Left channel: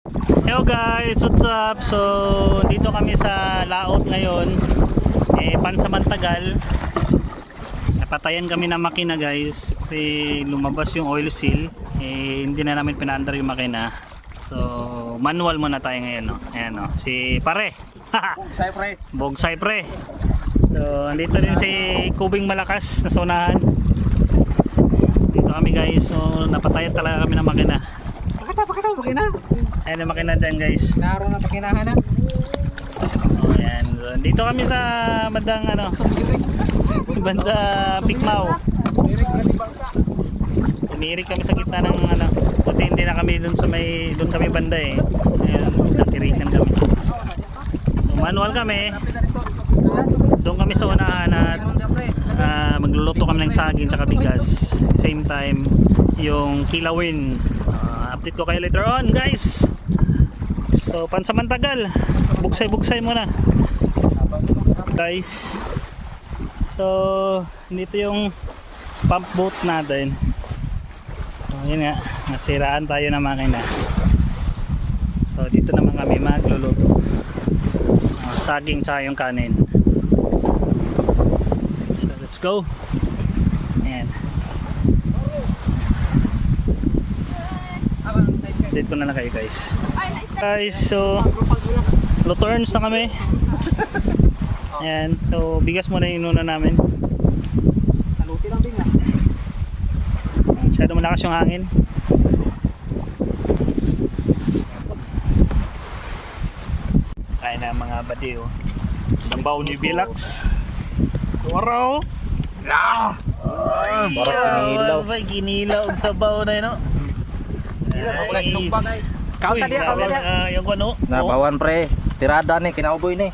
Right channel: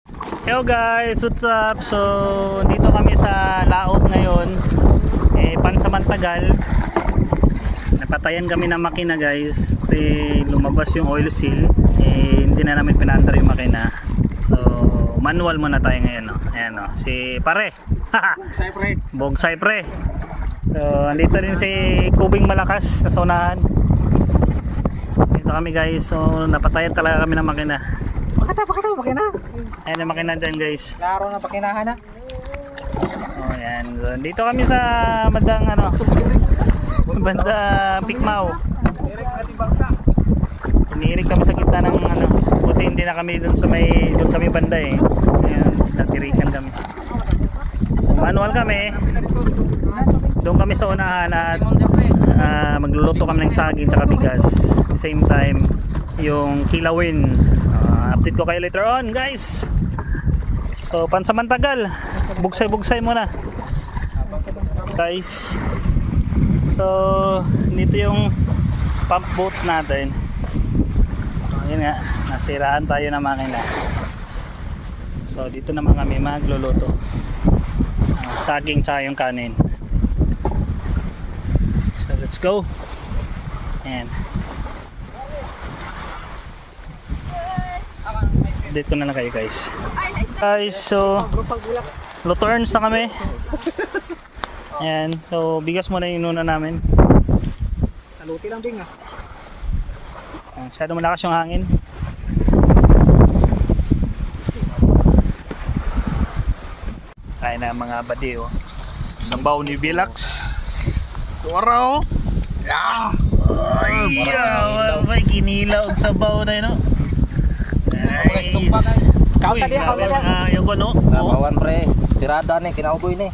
Hello guys, what's up? So dito kami sa laot ngayon, pansamantagal. Napatayan kami ng makina guys kasi lumabas yung oil seal, hindi na namin pinaandar yung makina. So manual muna tayo ngayon, no? Ayan, no? Si pare Bogsay pre. Bogsay pre. So andito din si Kubing Malakas na unahan. Dito kami guys, so napatayan talaga kami ng makina. Pakina. Ayan ang makina dyan guys. Klaro na pakinahan na. Oh, ayan. So, dito kami sa bandang banda Bigmao. Tumirik kami sa gitna ng buti hindi na kami doon kami banda eh. Ayan, natirikan kami. So manual kami. Doon kami sa unahan at magluluto kami ng saging tsaka bigas. At the same time yung kilawin. Update ko kayo later on guys. So pansamantagal, bugsay muna guys. So dito yung pump boat natin. Yun nga, nasiraan tayo ng makina. So dito naman kami magluluto saging tsaka yung kanin. So let's go. And dito na lang kayo guys. So luto earns na kami. Ayan, so bigas muna yung inuna namin. Saluti lang din na. Masyado malakas yung hangin. Kaya na mga badiw. Sambaw ni Bilax. Turo. Ay, ginilaw og sabaw na yun, no? Nice. Kauta dia, kauta dia. Yung ano? Nabawan pre. Tirada ni kinauboy ni.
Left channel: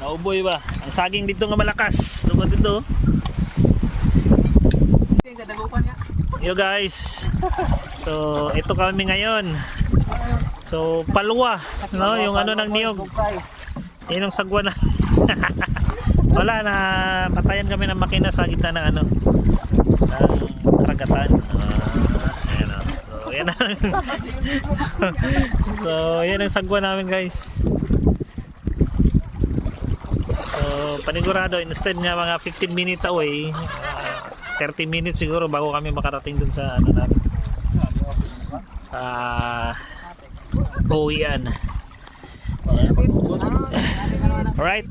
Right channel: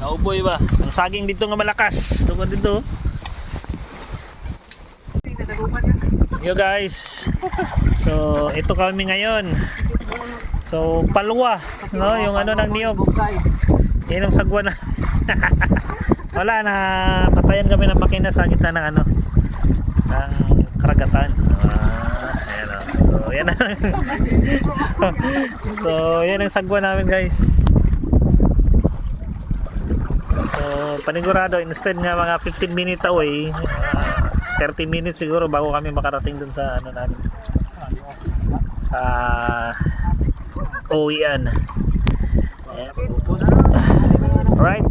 Nauboy ba? Ang saging dito nga malakas. Tungkol dito. Yo guys. So, ito kami ngayon. So, palwa, no? Yung ano ng niyog. Yan ang sagwa na. Wala na, patayan kami ng makina sa gitna ng ng karagatan. Ayan o. So, yan ang so, yan ang sagwa namin guys. So, panigurado, instead nga mga 15 minutes away, 30 minutes siguro bago kami makarating dun sa namin. Uwian. Alright.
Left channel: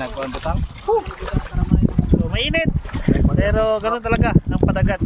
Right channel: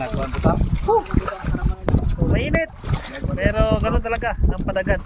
Nagkuhan butang. So, mainit. Pero ganoon talaga ang padagat.